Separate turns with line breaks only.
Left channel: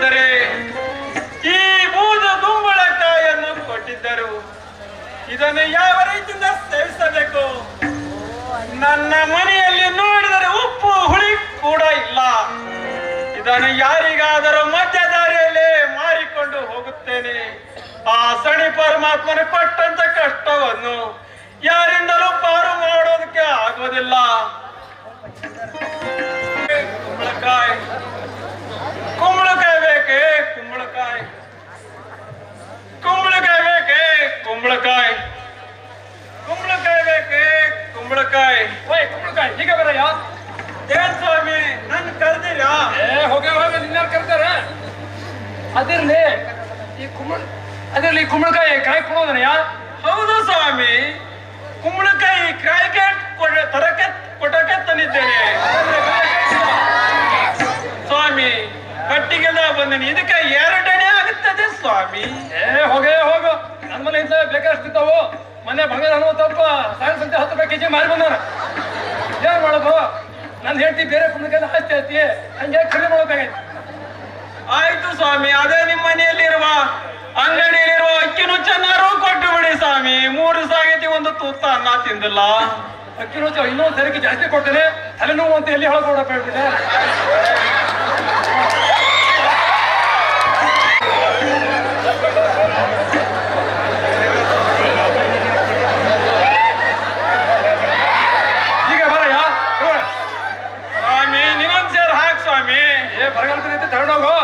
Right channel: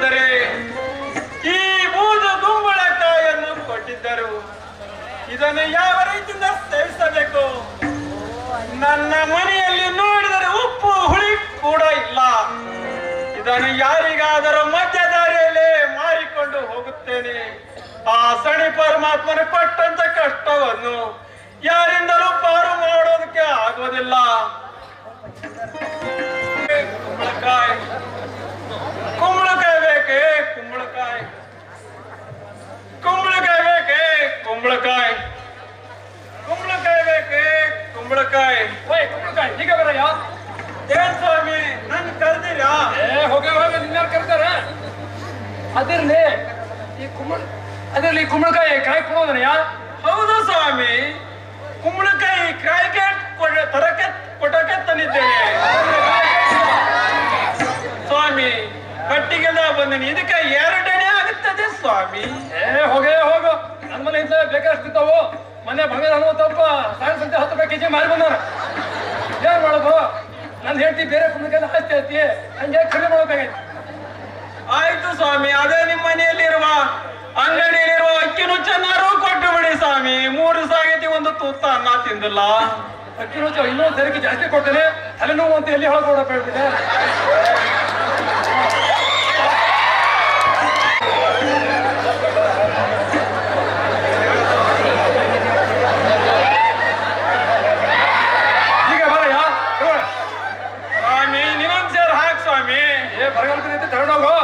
ಬಂದರೆ ಈ ಬೂದು ಕುಂಬಳಕಾಯನ್ನು ಕೊಟ್ಟಿದ್ದರು. ಇದನ್ನು ಯಾವ ರೀತಿಯಿಂದ ಸೇವಿಸಬೇಕು? ನನ್ನ ಮನೆಯಲ್ಲಿ ನೋಡಿದರೆ ಉಪ್ಪು, ಹುಳಿ ಕೂಡ ಇಲ್ಲ. ಇದನ್ನು ಯಾರಿಗಾದರೂ ಮಧ್ಯದಾರಿಯಲ್ಲಿ ಮಾರಿಕೊಂಡು ಹೋಗುತ್ತೇನೆ. ಆ ಸಣಿ ಪರಮಾತ್ಮನ ಕೊಟ್ಟಂತ ಕಷ್ಟವನ್ನು ಯಾರಿಂದಲೂ ಪಾರು ಮಾಡೋದಕ್ಕೆ ಆಗೋದಿಲ್ಲ ಕುಂಬಳಕಾಯಿ
ಓಯ್ ಕುಂಬಳಕಾಯಿ ಈಗ ಬರಯ್ಯ?
ಏನ್ ಸ್ವಾಮಿ ನನ್ ಕರ್ದಿರಾ?
ಏ ಹೋಗಿ ಹೋಗಿ ನಿನ್ನ ಕರ್ತಾರೆ ಅದಿರ್ಲಿ ಈ ಕುಂಬಳ ಅದಿರ್ಲಿ ಕುಂಬಳಕಾಯಿ ಕಾಯಿ ಕೊಡೋದನಯ್ಯ?
ಹೌದು ಸ್ವಾಮಿ. ಕುಂಬಳಕಾಯಿ ಕಾಯಿಗೆ ಕೊಡ ತರಕ್ಕೆ ಕೊಟ್ಟಕ್ಕೆ ತಂದಿದ್ದೇನೆ. ಸ್ವಾಮಿ ಕಟ್ಟಿಗೆಲ್ಲ ಬಂದೀನಿ. ಇದಕ್ಕೆ ಎರಡನೇ ಆಗುತ್ತದೆ ಸ್ವಾಮಿ.
ಏ ಹೋಗೇ ಹೋಗು. ನಮ್ಮನೆ ಬೇಕಾಷ್ಟಿದ್ದಾವು ಮನೆ ಬಂಗಾರ ಹನುಮಂತಪ್ಪ ಸಾಯಂ ಸಂತೆ ಹತ್ತು ರೂಪಾಯಿ ಕೆಜಿ ಮಾರಿ ಬಂದಾನ ಏನ್ ಮಾಡೋದು? ನನ್ನ ಹೆಂಡತಿ ಬೇರೆ ಕುಂದಕ್ಕೆಲ್ಲ ಆಸ್ತಿ ಐತಿ ಹಂಗೆ ಖರೀದಿ ಮಾಡ್ಬೇಕಾಗೈತಿ.
ಆಯ್ತು ಸ್ವಾಮಿ ಅದೇ ನಿಮ್ಮ ಮನೆಯಲ್ಲಿರುವ ಅಂಗಡಿಯಲ್ಲಿರುವ ಅಕ್ಕಿ ಚೆನ್ನಾರು ಕೊಟ್ಟು ಬಿಡಿ ಸ್ವಾಮಿ. ಮೂರು ಸಾಗೈತಿ ಒಂದು ತೂತ ಅನ್ನ ತಿಂದಿಲ್ಲ.
ಅಕ್ಕಿ ರುಚಿ ಇನ್ನೊಂದು ಸರಿಗೆ ಜಾಸ್ತಿ ಕೊಡ್ತೇನೆ. ತಲೆನೋವು ಅಂತ ಎಲ್ಲಿ ಹೇಳ್ಕೊಡಪ್ಪ ಹೇಳ್ಬಿಟ್ಟೆ? ಏ ಬರಗಾಲ ತಗೊಂಡೋಗೋ